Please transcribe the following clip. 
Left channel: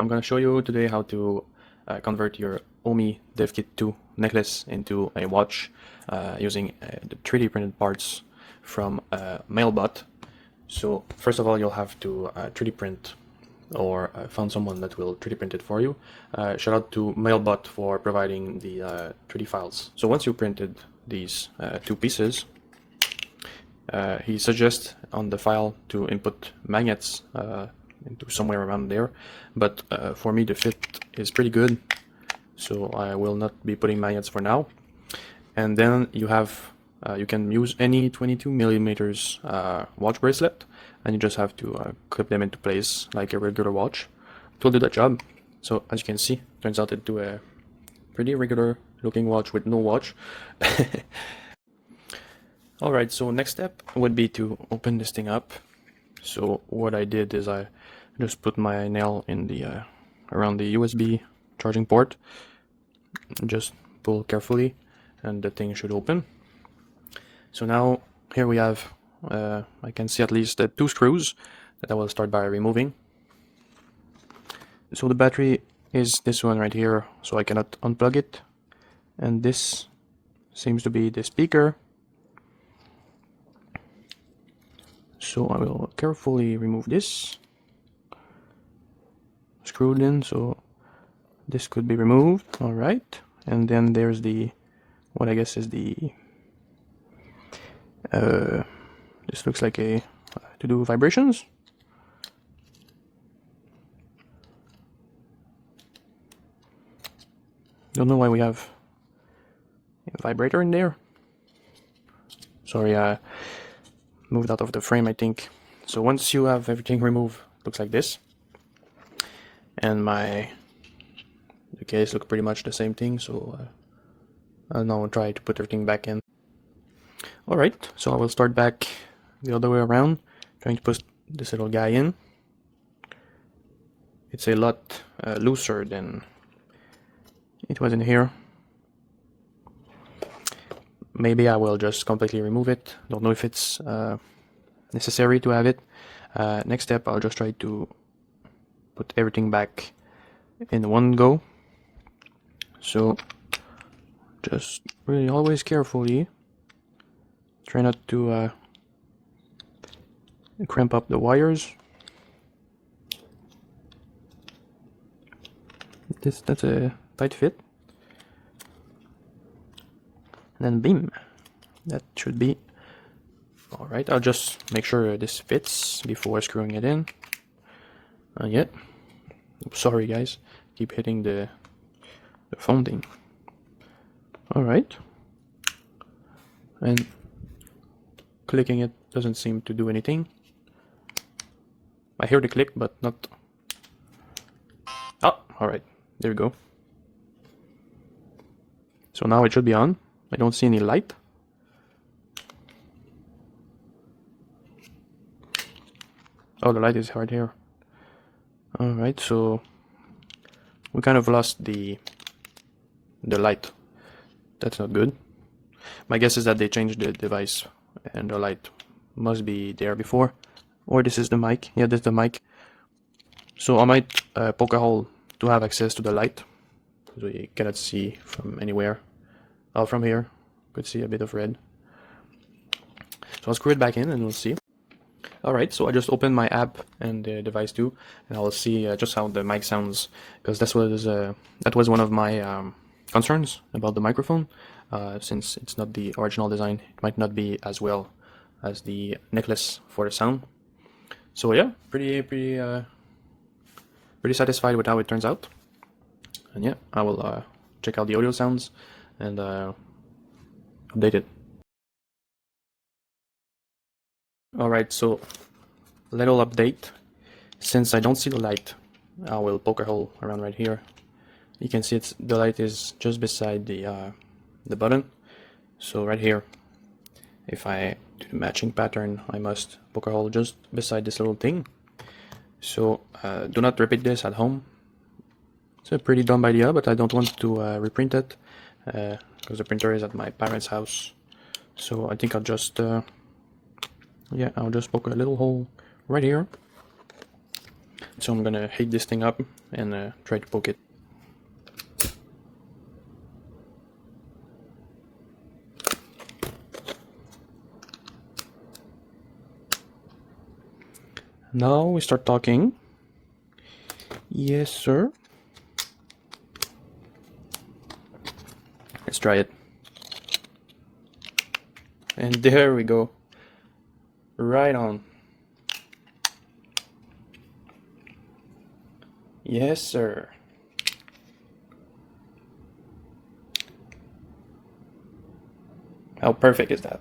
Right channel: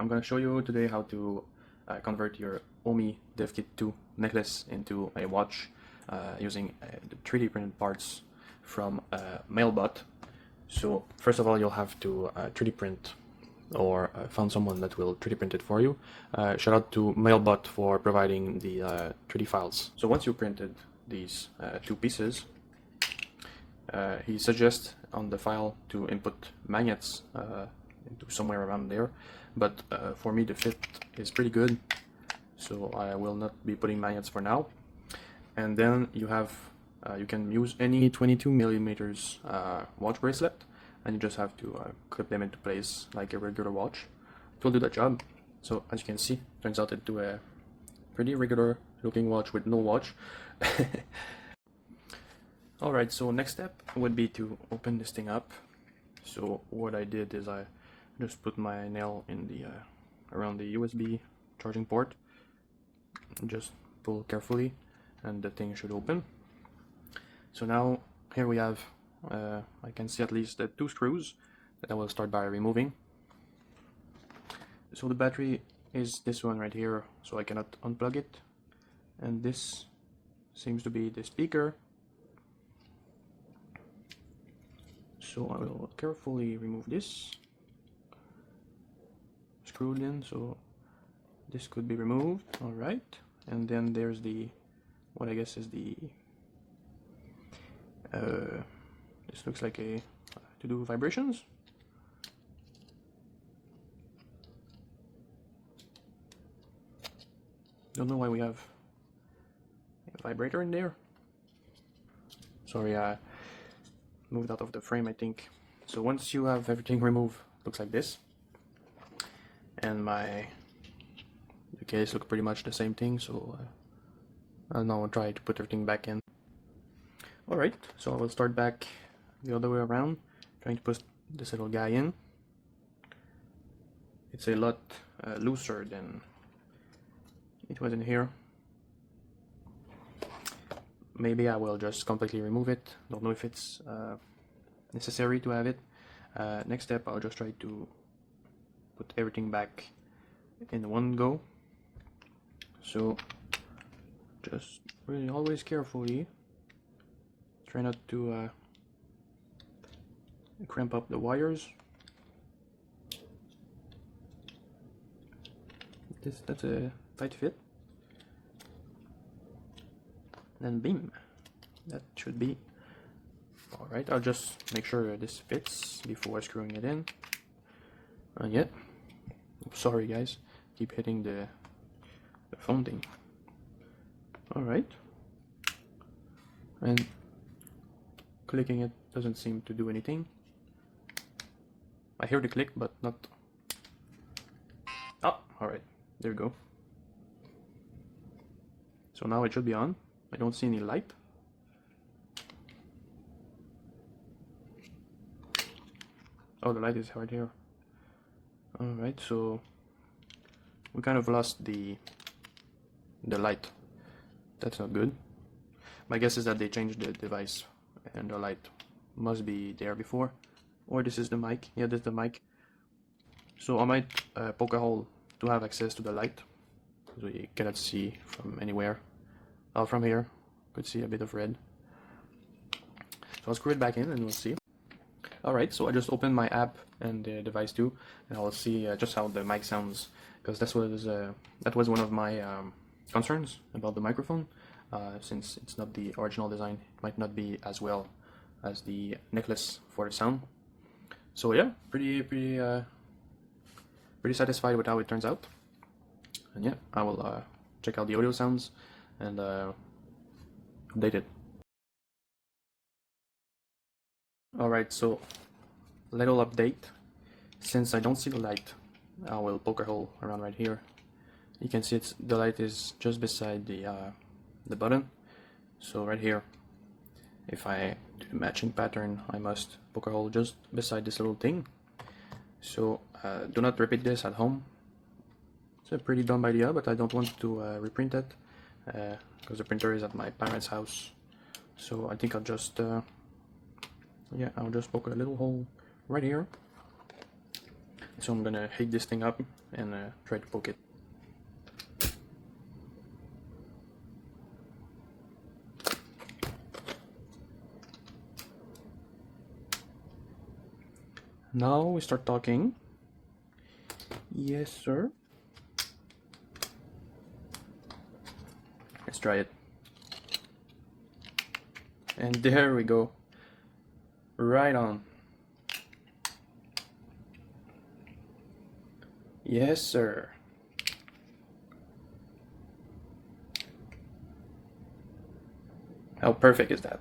I'm going to show you today how to convert your Omi Dev Kit 2 necklace into a watch using the 3D printed parts from Mailbot. So first of all, you'll have to 3D print or found someone that will 3D print it for you. Shout out to Mailbot for providing the 3D files. So once you printed these two pieces, he suggests on the file to input magnets into somewhere around there, but for me the fit is pretty good, so I will not be putting magnets for now. And then you have you can use any 22 millimeters watch bracelet, and you just have to clip them into place like a regular watch. It will do that job. So as you can see, turns out into a pretty regular looking watch with no watch. Alright, so next step would be to open this thing up. So what I did is I just put my nail in the around the USB charging port, just pull carefully and the thing should open. So now here we have I can see at least two screws that I will start by removing. So the battery is this one right here, so I cannot unplug it, and this seems to be the speaker. So I will carefully remove this, screwed in, so this could be removed. All right, and then there's the what I guess is the this looks like a to do vibrations. Don't know why we have a vibrator in there. Sorry, moved out of the frame, I think. So once you have everything removed, looks like this. And the case looks pretty much the same thing, so I'll now try to put everything back in. Alright, so I will start back the other way around, trying to put this little guy in. It's a lot looser than it was in here. Maybe I will just completely remove it. Don't know if it's necessary to have it. Next step, I'll just try to put everything back in one go. So just really always carefully try not to cramp up the wires. That's a tight fit. And then beam. That should be alright. I'll just make sure this fits before screwing it in. Yeah. Sorry guys, keep hitting the phone thing. Alright. And clicking it doesn't seem to do anything. I hear the click, but not... Ah, alright. There we go. So now it should be on. I don't see any light. Oh, the light is right here. Alright, so we kind of lost the light. That's not good. My guess is that they changed the device and the light must be there before. Or this is the mic. Yeah, this is the mic. So I might poke a hole to have access to the light, because we cannot see from anywhere. Oh, from here, could see a bit of red. So I'll screw it back in and we'll see. Alright, so I just opened my app and the device too, and I'll see just how the mic sounds, because that was one of my concerns about the microphone. Since it's not the original design, it might not be as well as the necklace for the sound. So yeah, pretty satisfied with how it turns out. And yeah, I will check out the audio sounds and update it. Alright, so little update. Since I don't see the light, I will poke a hole around right here. You can see the light is just beside the button. So right here, if I do the matching pattern, I must poke a hole just beside this little thing. So do not repeat this at home. It's a pretty dumb idea, but I don't want to reprint it because the printer is at my parents' house. So I think I'll just yeah, I'll just poke a little hole right here. So I'm gonna heat this thing up and try to poke it. Now we start talking. Yes, sir. Let's try it. And there we go. Right on. Yes, sir. How perfect is that?